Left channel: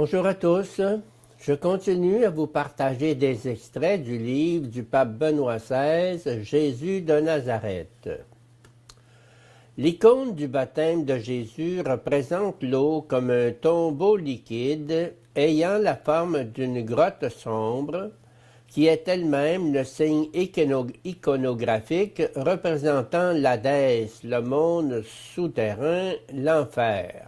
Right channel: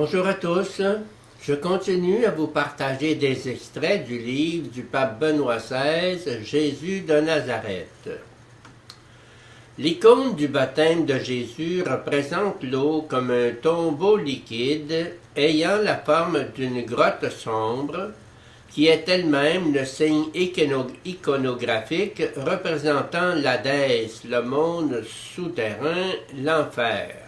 Bonjour à tous. Je continue à vous partager des extraits du livre du pape Benoît XVI, Jésus de Nazareth. L'icône du baptême de Jésus représente l'eau comme un tombeau liquide ayant la forme d'une grotte sombre qui est elle-même le signe iconographique représentant l'Hadès, le monde souterrain, l'enfer.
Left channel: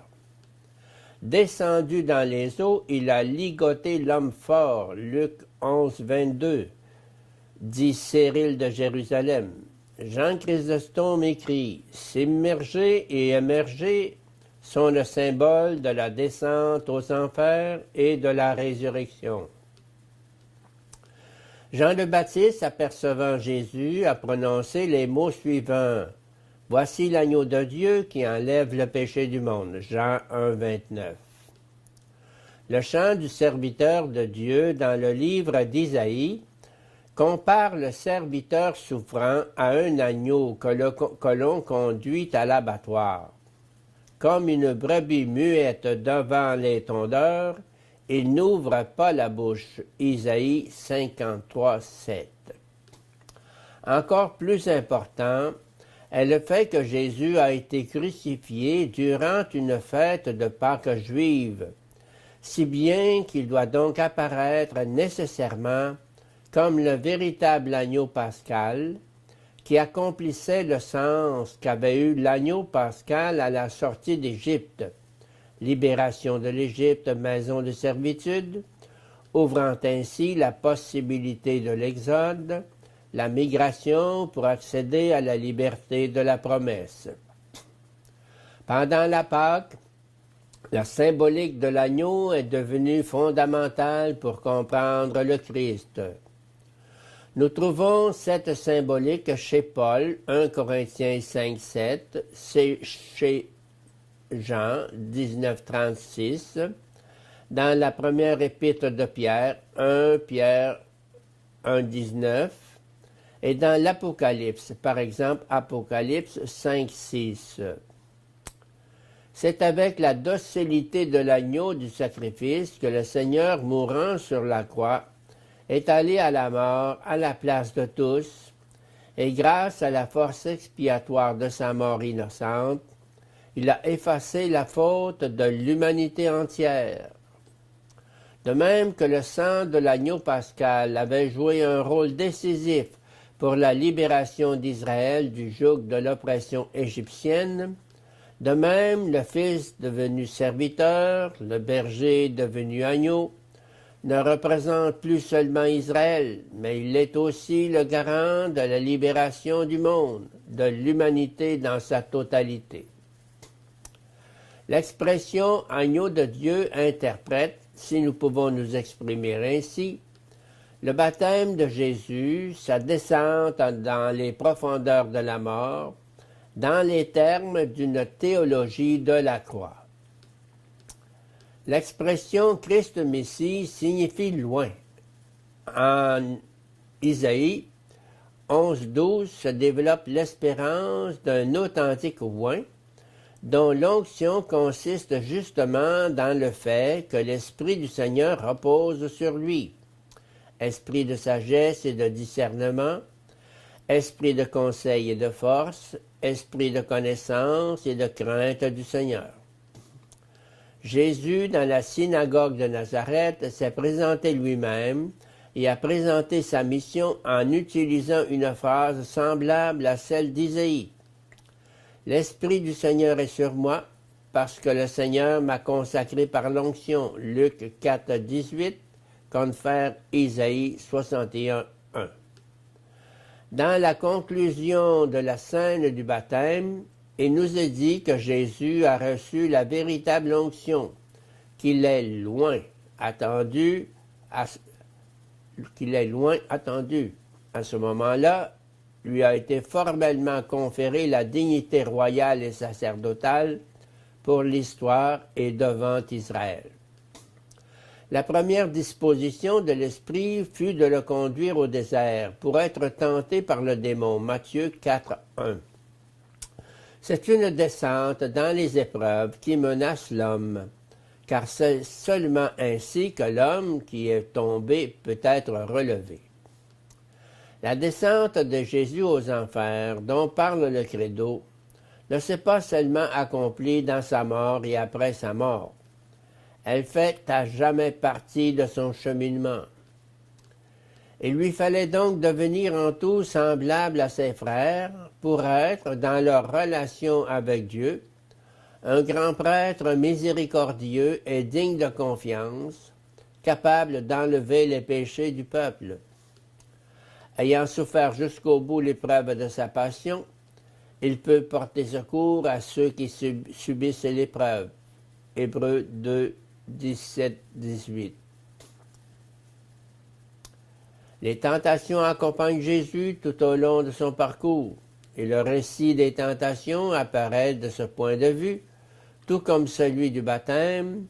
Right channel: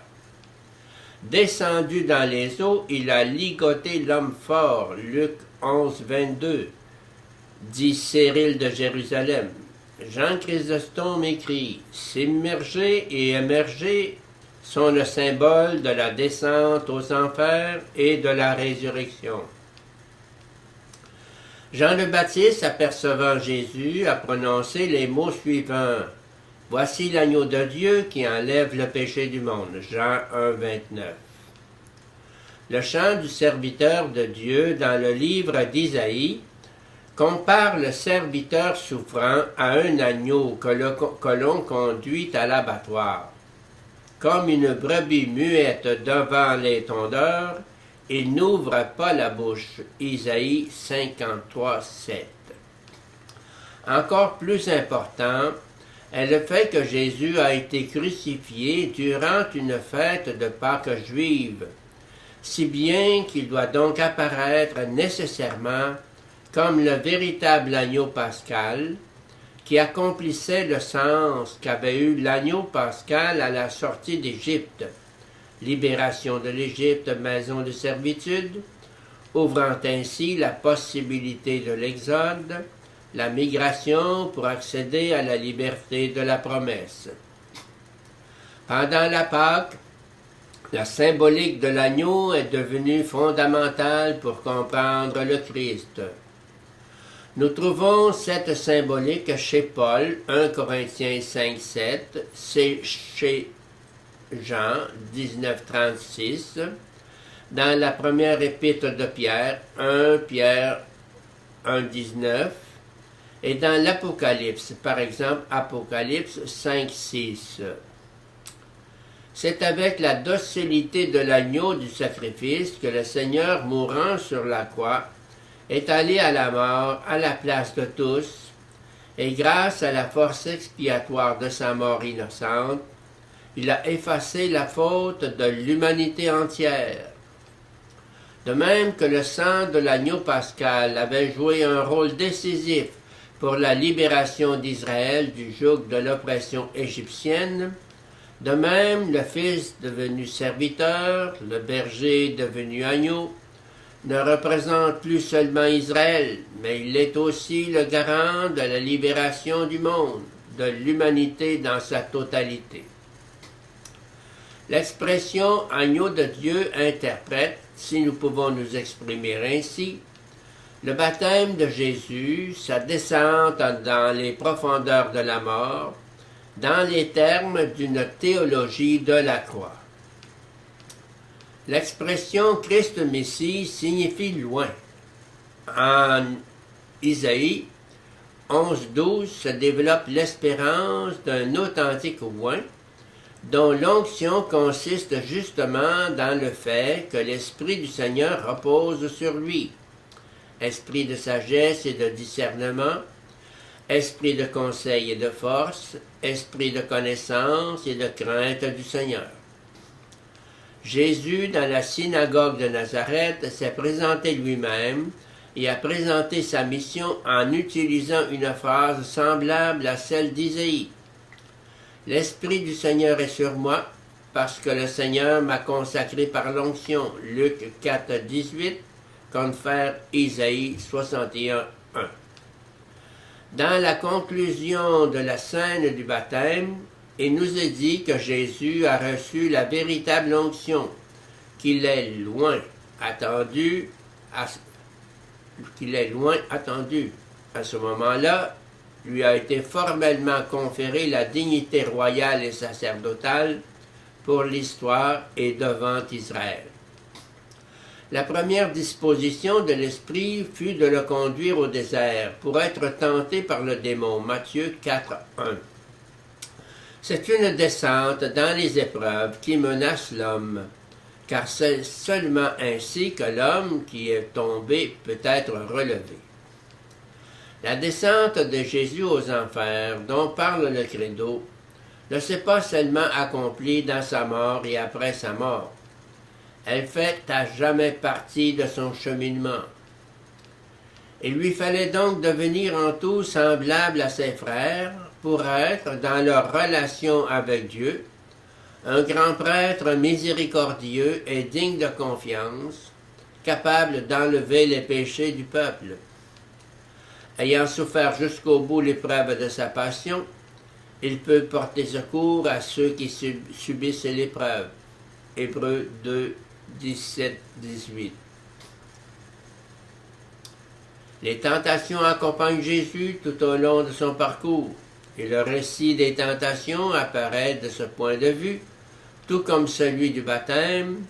Descendu dans les eaux, il a ligoté l'homme fort, Luc 11, 22, dit Cyril de Jérusalem. Jean Chrysostome écrit « S'immerger et émerger sont le symbole de la descente aux enfers et de la résurrection. » Jean le Baptiste, apercevant Jésus, a prononcé les mots suivants. « Voici l'agneau de Dieu qui enlève le péché du monde. » Jean 1, 29. Le chant du serviteur de Dieu dans le livre d'Isaïe compare le serviteur souffrant à un agneau que l'on conduit à l'abattoir. Comme une brebis muette devant les tondeurs, il n'ouvre pas la bouche. Isaïe 53, 7. Encore plus important est le fait que Jésus a été crucifié durant une fête de Pâques juive, si bien qu'il doit donc apparaître nécessairement comme le véritable agneau pascal qui accomplissait le sens qu'avait eu l'agneau pascal à la sortie d'Égypte, libération de l'Égypte, maison de servitude, ouvrant ainsi la possibilité de l'exode, la migration pour accéder à la liberté de la promesse. Pendant la Pâque, la symbolique de l'agneau est devenue fondamentale pour comprendre le Christ. Nous trouvons cette symbolique chez Paul, 1 Corinthiens 5, 7, c'est chez Jean, 19, 36, dans la première épître de Pierre, 1 Pierre 1, 19, et dans l'Apocalypse, par exemple, Apocalypse 5, 6. C'est avec la docilité de l'agneau du sacrifice que le Seigneur, mourant sur la croix, est allé à la mort à la place de tous, et grâce à la force expiatoire de sa mort innocente, il a effacé la faute de l'humanité entière. De même que le sang de l'agneau pascal avait joué un rôle décisif pour la libération d'Israël du joug de l'oppression égyptienne, de même le Fils devenu serviteur, le berger devenu agneau, ne représente plus seulement Israël, mais il est aussi le garant de la libération du monde, de l'humanité dans sa totalité. L'expression « agneau de Dieu » interprète, si nous pouvons nous exprimer ainsi, le baptême de Jésus, sa descente dans les profondeurs de la mort, dans les termes d'une théologie de la croix. L'expression « Christ Messie » signifie « loin ». En Isaïe 11.12 se développe l'espérance d'un authentique loin, dont l'onction consiste justement dans le fait que l'Esprit du Seigneur repose sur lui. Esprit de sagesse et de discernement, esprit de conseil et de force, esprit de connaissance et de crainte du Seigneur. Jésus, dans la synagogue de Nazareth, s'est présenté lui-même et a présenté sa mission en utilisant une phrase semblable à celle d'Isaïe. « L'Esprit du Seigneur est sur moi, parce que le Seigneur m'a consacré par l'onction. » Luc 4, 18, confère Isaïe 61, 1. Dans la conclusion de la scène du baptême, il nous est dit que Jésus a reçu la véritable onction, qu'il est loin attendu. À ce moment-là, lui a été formellement conférée la dignité royale et sacerdotale pour l'histoire et devant Israël. La première disposition de l'Esprit fut de le conduire au désert pour être tenté par le démon. Matthieu 4, 1. C'est une descente dans les épreuves qui menacent l'homme, car c'est seulement ainsi que l'homme qui est tombé peut être relevé. La descente de Jésus aux enfers, dont parle le Credo, ne s'est pas seulement accomplie dans sa mort et après sa mort. Elle fait à jamais partie de son cheminement. Il lui fallait donc devenir en tout semblable à ses frères pour être, dans leur relation avec Dieu, un grand prêtre miséricordieux et digne de confiance, capable d'enlever les péchés du peuple. Ayant souffert jusqu'au bout l'épreuve de sa passion, il peut porter secours à ceux qui subissent l'épreuve. Hébreux 2, 17-18. Les tentations accompagnent Jésus tout au long de son parcours, et le récit des tentations apparaît de ce point de vue, tout comme celui du baptême,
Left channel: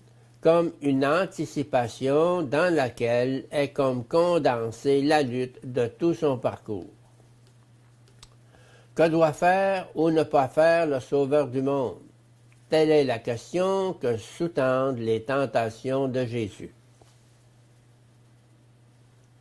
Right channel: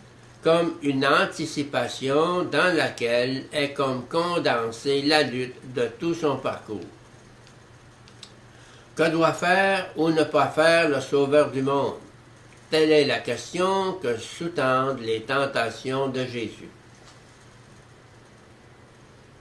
comme une anticipation dans laquelle est comme condensée la lutte de tout son parcours. Que doit faire ou ne pas faire le Sauveur du monde? Telle est la question que sous-tendent les tentations de Jésus.